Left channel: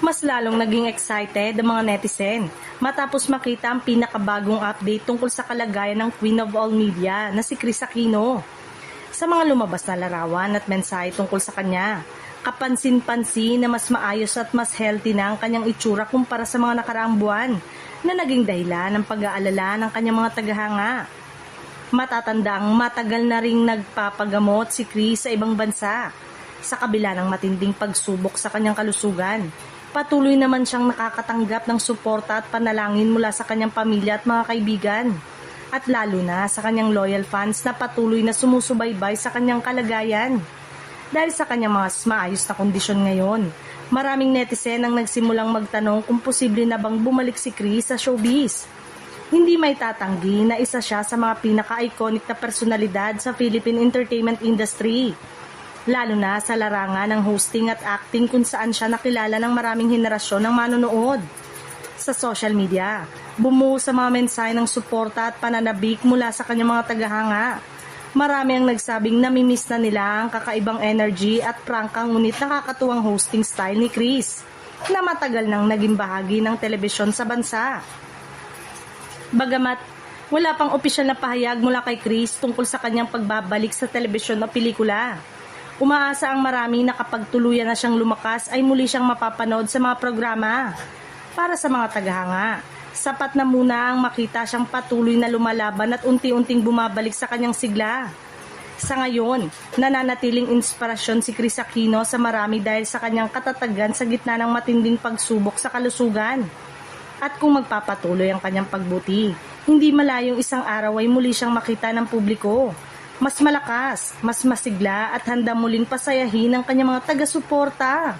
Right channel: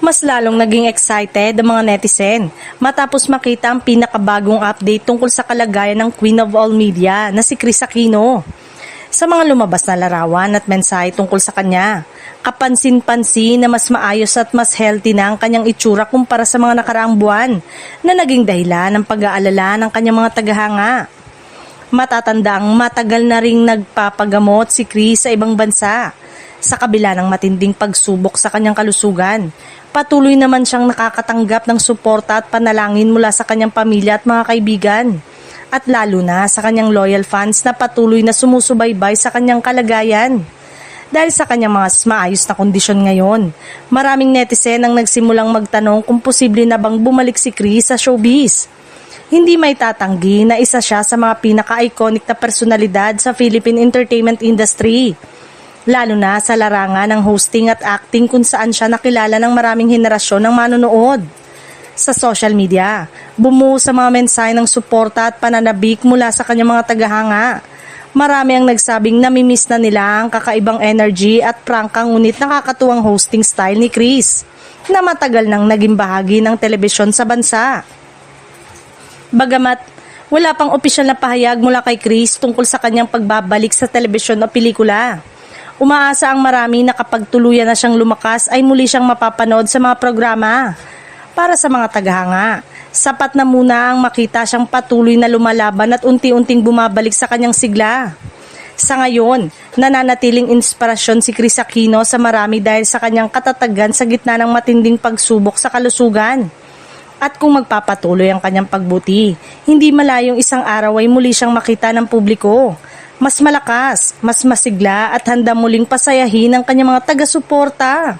Mas lalong naging excited ang mga netizen matapos makita ang pinakabagong update tungkol sa kalagayan ng Queen of All Media na si Kris Aquino. Sa mga lumabas na larawan at mensahe tungkol sa kanya, kapansin-pansin na mas maayos at mas healthy na ang kanyang itsura kumpara sa mga nakaraang buwan na naging dahilan ng pag-aalala ng kanyang mga tagahanga. Matatandaang matagal na ring nagpapagamot si Kris sa ibang bansa. Sa kabila ng matinding pagsubok sa kanyang kalusugan, patuloy naman siyang nakakatanggap ng suporta at panalangin mula sa kanyang pamilya at mga kaibigan. At lalo na sa kanyang loyal fans na patuloy na sumusubaybay sa kanyang kalagayan. Dahil sa kanyang mga maayos na kondisyon ngayon, maraming netizen ang nagsimulang magtanong kung posible na bang bumalik si Kris sa showbiz. Hindi may tatanggi na isa siya sa mga pinaka-iconic na personalidad sa Philippine entertainment industry. Lalo na sa larangan ng hosting at acting kung saan siya nakilala ng maraming henerasyon ng manonood. Sa social media, bumuo sa mga mensahe ng suporta at pananabik mula sa kanyang mga tagahanga. Marami ang nagsabing namimiss na nila ang kakaibang energy at prangkang ngunit nakakatuwang hosting style ni Kris na matagal nang naging bahagi ng telebisyon sa bansa. Bagamat wala pang opisyal na pahayag mula kay Kris tungkol sa kanyang pagbabalik sa telebisyon o pelikula, umaasa ang marami na kapag tuluyan na siyang lumakas ay muli siyang mapapanood sa mga programa. Para sa mga tagahanga, sapat na muna ang makita siyang patuloy na lumalaban at unti-unting bumabalik sa kanyang sigla. Sa ngayon, nananatiling inspirasyon si Kris Aquino sa marami dahil sa kanyang katatagan sa gitna ng matinding pagsubok sa kalusugan. At kung magpapatuloy ang kanyang pagbuti, hindi malayong isang araw ay muli siyang makita ng publiko. Mas malakas, mas masigla at handa muling pasayahin ang kanyang mga taga-suporta.